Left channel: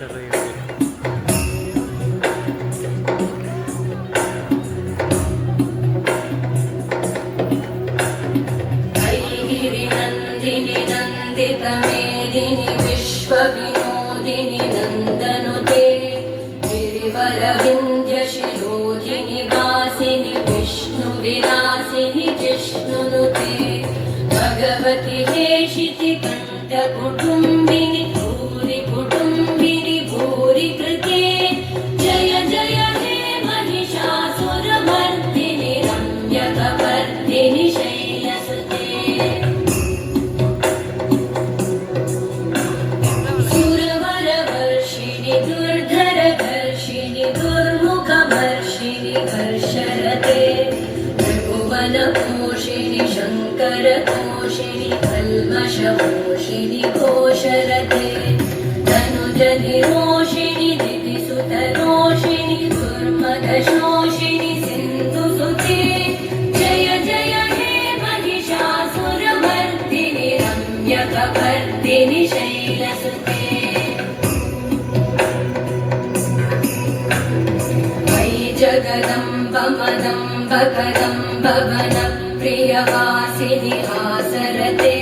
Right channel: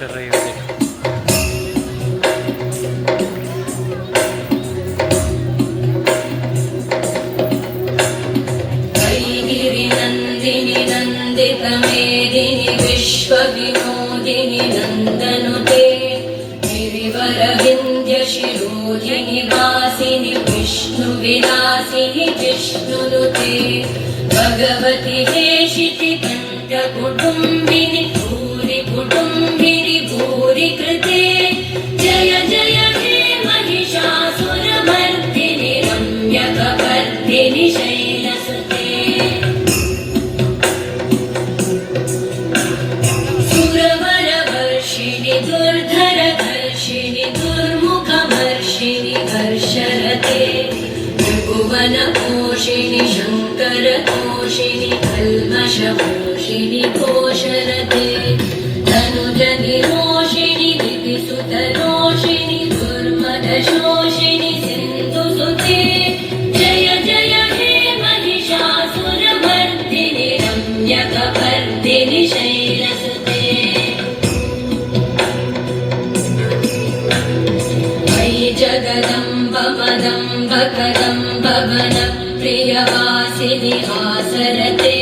कर रही है। नंदिनी नंदित मेदिनी विश्व विनोदिनी नंदनुते गिरिवर विंध्य शिरोधिनी वासिनी विष्णु विलासिनी जिष्णुनुते भगवती हेशिति कंठ कुटुंबिनी भूरि कुटुंबिनी भूरि कृते जय जय हे महिषासुरमर्दिनि रम्यकपर्दिनि शैलसुते सुरवरवर्षिणि दुर्धरधर्षिणि दुर्मुखमर्षिणि हर्षरते त्रिभुवनपोषिणि शङ्करतोषिणि कल्मषपोषिणि घोषरते तनुजनिरोषिणि दिविसुतरोषिणि दुर्मदशोषिणि सिन्धुसुते जय जय हे महिषासुरमर्दिनि रम्यकपर्दिनि शैलसुते मयि जगदम्ब मदम्ब कदम्ब वनप्रियवासिनि हासरते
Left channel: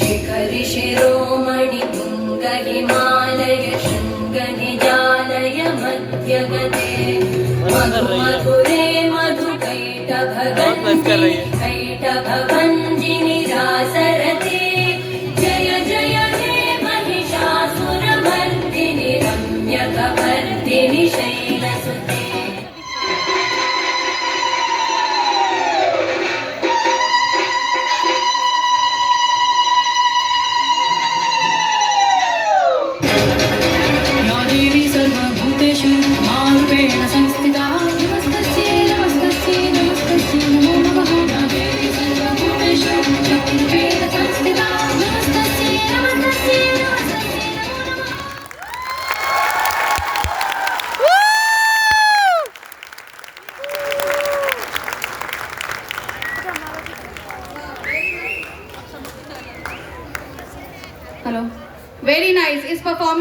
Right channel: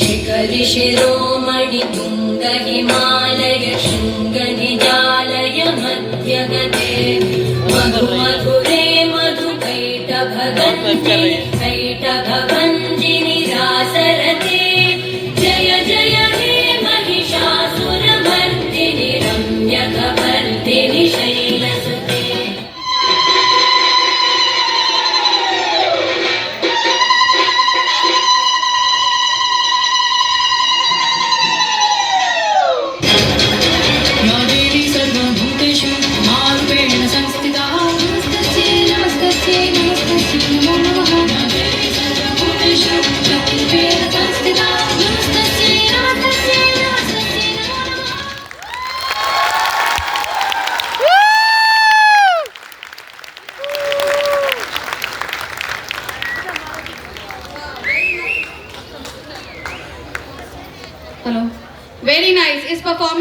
शिखरि शिरोमणि तुङ्ग हिमालय शृङ्गनिजालय मध्यगते मधु मधुरे मधुकैटभगञ्जिनि कैटभभञ्जिनि रासरते जय जय हे Mahishasuramardini रम्यकपर्दिनि शैलसुते Hello. Very nice. Is performance